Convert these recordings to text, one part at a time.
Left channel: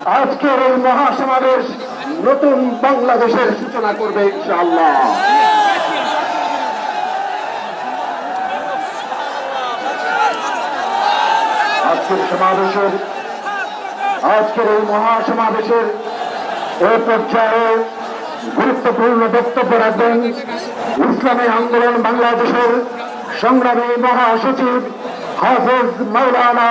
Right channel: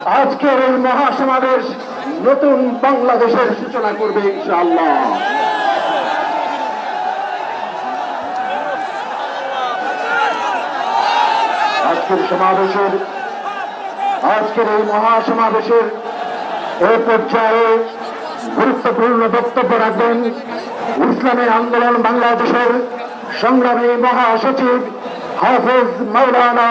আজকের এই মহাসমাবেশ নতুন বাংলাদেশের সূচনা করবে ইনশাআল্লাহ। আজকের সমাবেশের আজকের এই মহাসমাবেশের এ পর্যায়ে গুরুত্বপূর্ণ বক্তব্য রাখবেন ইসলামী আন্দোলন বাংলাদেশের সংগ্রামী মহাসচিব হাফেজ মৌলানা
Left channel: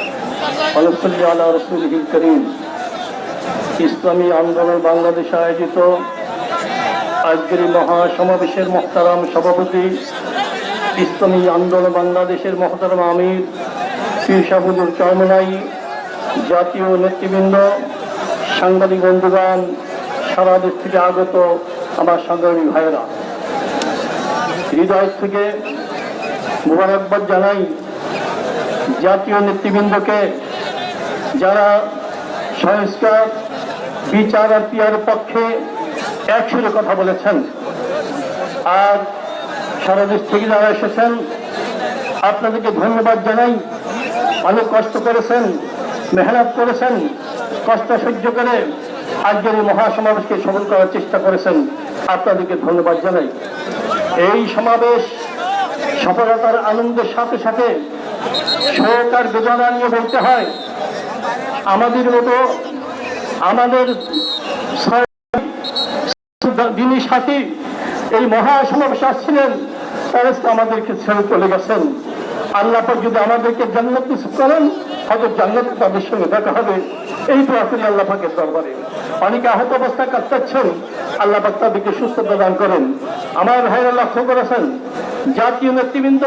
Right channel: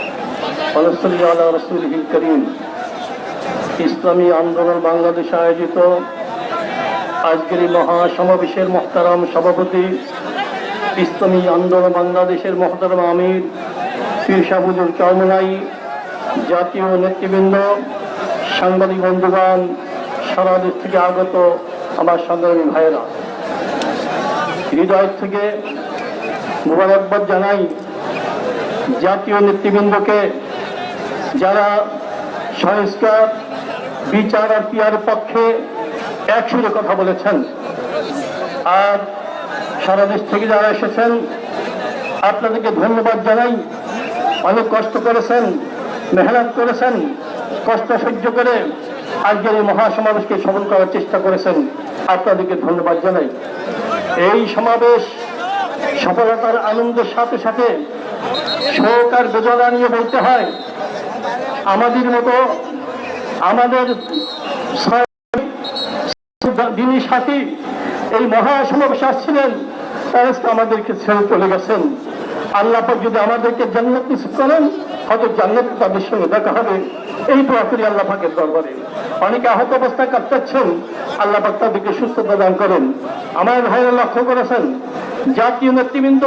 ইসলামী আন্দোলন বাংলাদেশে আয়োজিত। আজকের মহাসমাবেশের মহতারাম সভাপতি, ইসলামী আন্দোলন বাংলাদেশের মোহতারাম আমির শীর্ষাবুদুর চরমনাই, জাতীয় নেতৃবৃন্দ, সাংবাদিক বন্ধুগণ, সারা দেশ থেকে আগত আমার সাধারণ ভাইয়েরা। হৃদয় থেকে মোবারকবাদ জানাই জাতীয় নেতৃবৃন্দকে যারা সংস্কার বিচার আর পিয়ার পক্ষে একসঙ্গে কথা বলেছেন। আর সারা দেশ থেকে যারা এসেছেন, আপনাদেরকে ধন্যবাদ জানাই। অনেক কষ্ট করেছেন, মেহনত করেছেন, কষ্ট সহ্য করে আজকের এই মহাসমাবেশকে সফল করার চেষ্টা করেছেন। আপনাদেরকে ধন্যবাদ জানাই। এই সমাবেশ সফলতার আনন্দের সাথে সাথে সরকার বেদনা নিয়ে বলতে হয় আমাদের মতো আমাদের যিনি সাথী, এই মহাসমাবেশ আসছিলেন তারা আমাদেরকে ছেড়ে চলে গেছেন। আল্লাহ যদি আমাদেরকে জান্নাত নিশ্চিত করেন হয়তো জান্নাত তাদের সঙ্গে দেখা হবে। এই দোয়া করি আল্লাহ দরবারে। অনেকে আহত অবস্থায় কাটাচ্ছেন আল্লাহ তাদেরকে সুস্থ প্রদান করেন। আমার ভাইরা লক্ষ্য করেছেন জাতীয় নেতৃবৃন্দ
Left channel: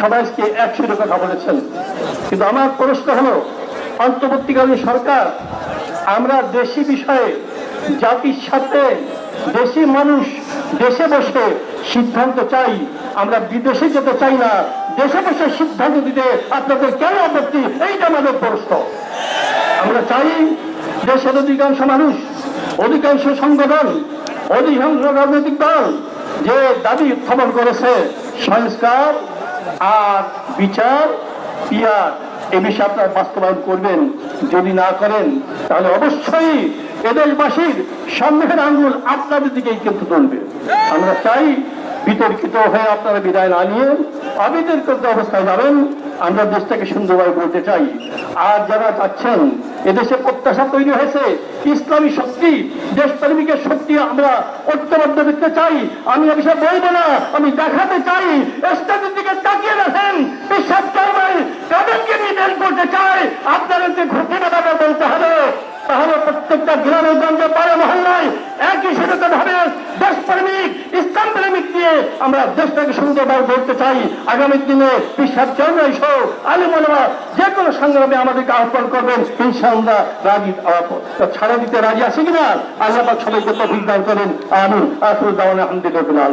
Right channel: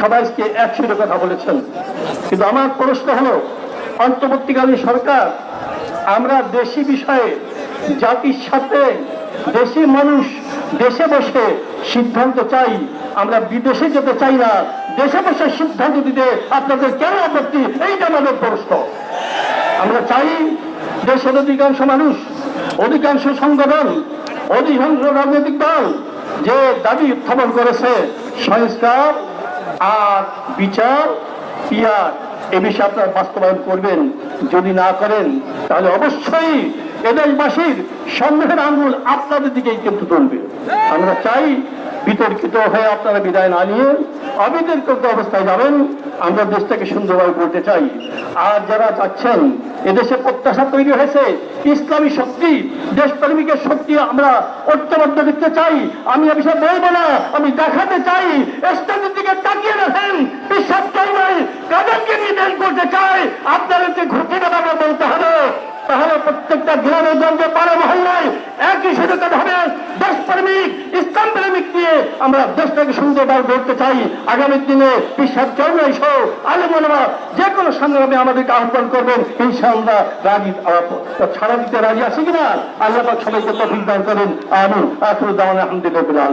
সবাইকে একসাথে কথা বলেছেন। কিন্তু আমার প্রশ্ন হলো অন্তর্বর্তীকালীন সরকার, আমরা দেশি বিষয়ে, জাতির সাথে দেশি মানুষ দেশে বসে সিদ্ধান্ত চাই, আমরা বিদেশে যেতে চাই না, দেশে বসে সিদ্ধান্ত দিতে আপনাদের কেন আপত্তি? এইটা আমাদের প্রশ্ন। আমরা চাই দেশের অধিকাংশ মানুষ, অধিকাংশ সংগঠন, অধিকাংশ রাজনৈতিক দল যে দাবি উত্থাপন করেছে, সংস্কার আর বিচার পিয়া এ বিষয়ে আপনারা বাস্তবায়ন করবেন, যদি না করেন, তাহলে অবশ্যই এদেশবাসীর সামনের আঙুল আপনাদের দিকেই কিন্তু করবে আমরা চাই বিতর্কিত হয়ে আপনারা বিদায় না নিয়ে অবিতর্কিত অবস্থায় যাবেন। আমরা দেশটাকে সুন্দরভাবে বলতে চাই। আর যারা চাচ্ছেন এদেশে প্রত্যাশা তৈরি হয়েছে, ইসলামী শক্তি, দেশপ্রেমিকের শক্তি আমরা ঐক্যবদ্ধ দেখতে চাই। আমি এ বিষয়ে বলব না, আমি দেখাতে চাই ইসলামের দিকে তাকিয়ে রাখেন বিশ্বাস চাই নাই তাদেরকে নিয়ে বের করতে চাই আপনারা যে ঘটনা ব্যাপারে বলতে হবে তাহলে মহল্লায় একই সাথে হবে। দেশপ্রেমিক ইসলাম প্রেমিক দিয়ে আমরা দেশটাকে সুন্দরভাবে চাই। আগামী দিনে বিশ্বাস জন্মাই সহ আলী বলবা যে কোনো সংগ্রামে আমাদেরকে আহ্বান করবেন, ইনশাআল্লাহ রাজি ছাড়া দিতে রাজি আছে কিনা? আল্লাহ সবাইকে তফিক দান করেন। আখরুদ্দাওয়ান আলহামদুলিল্লাহ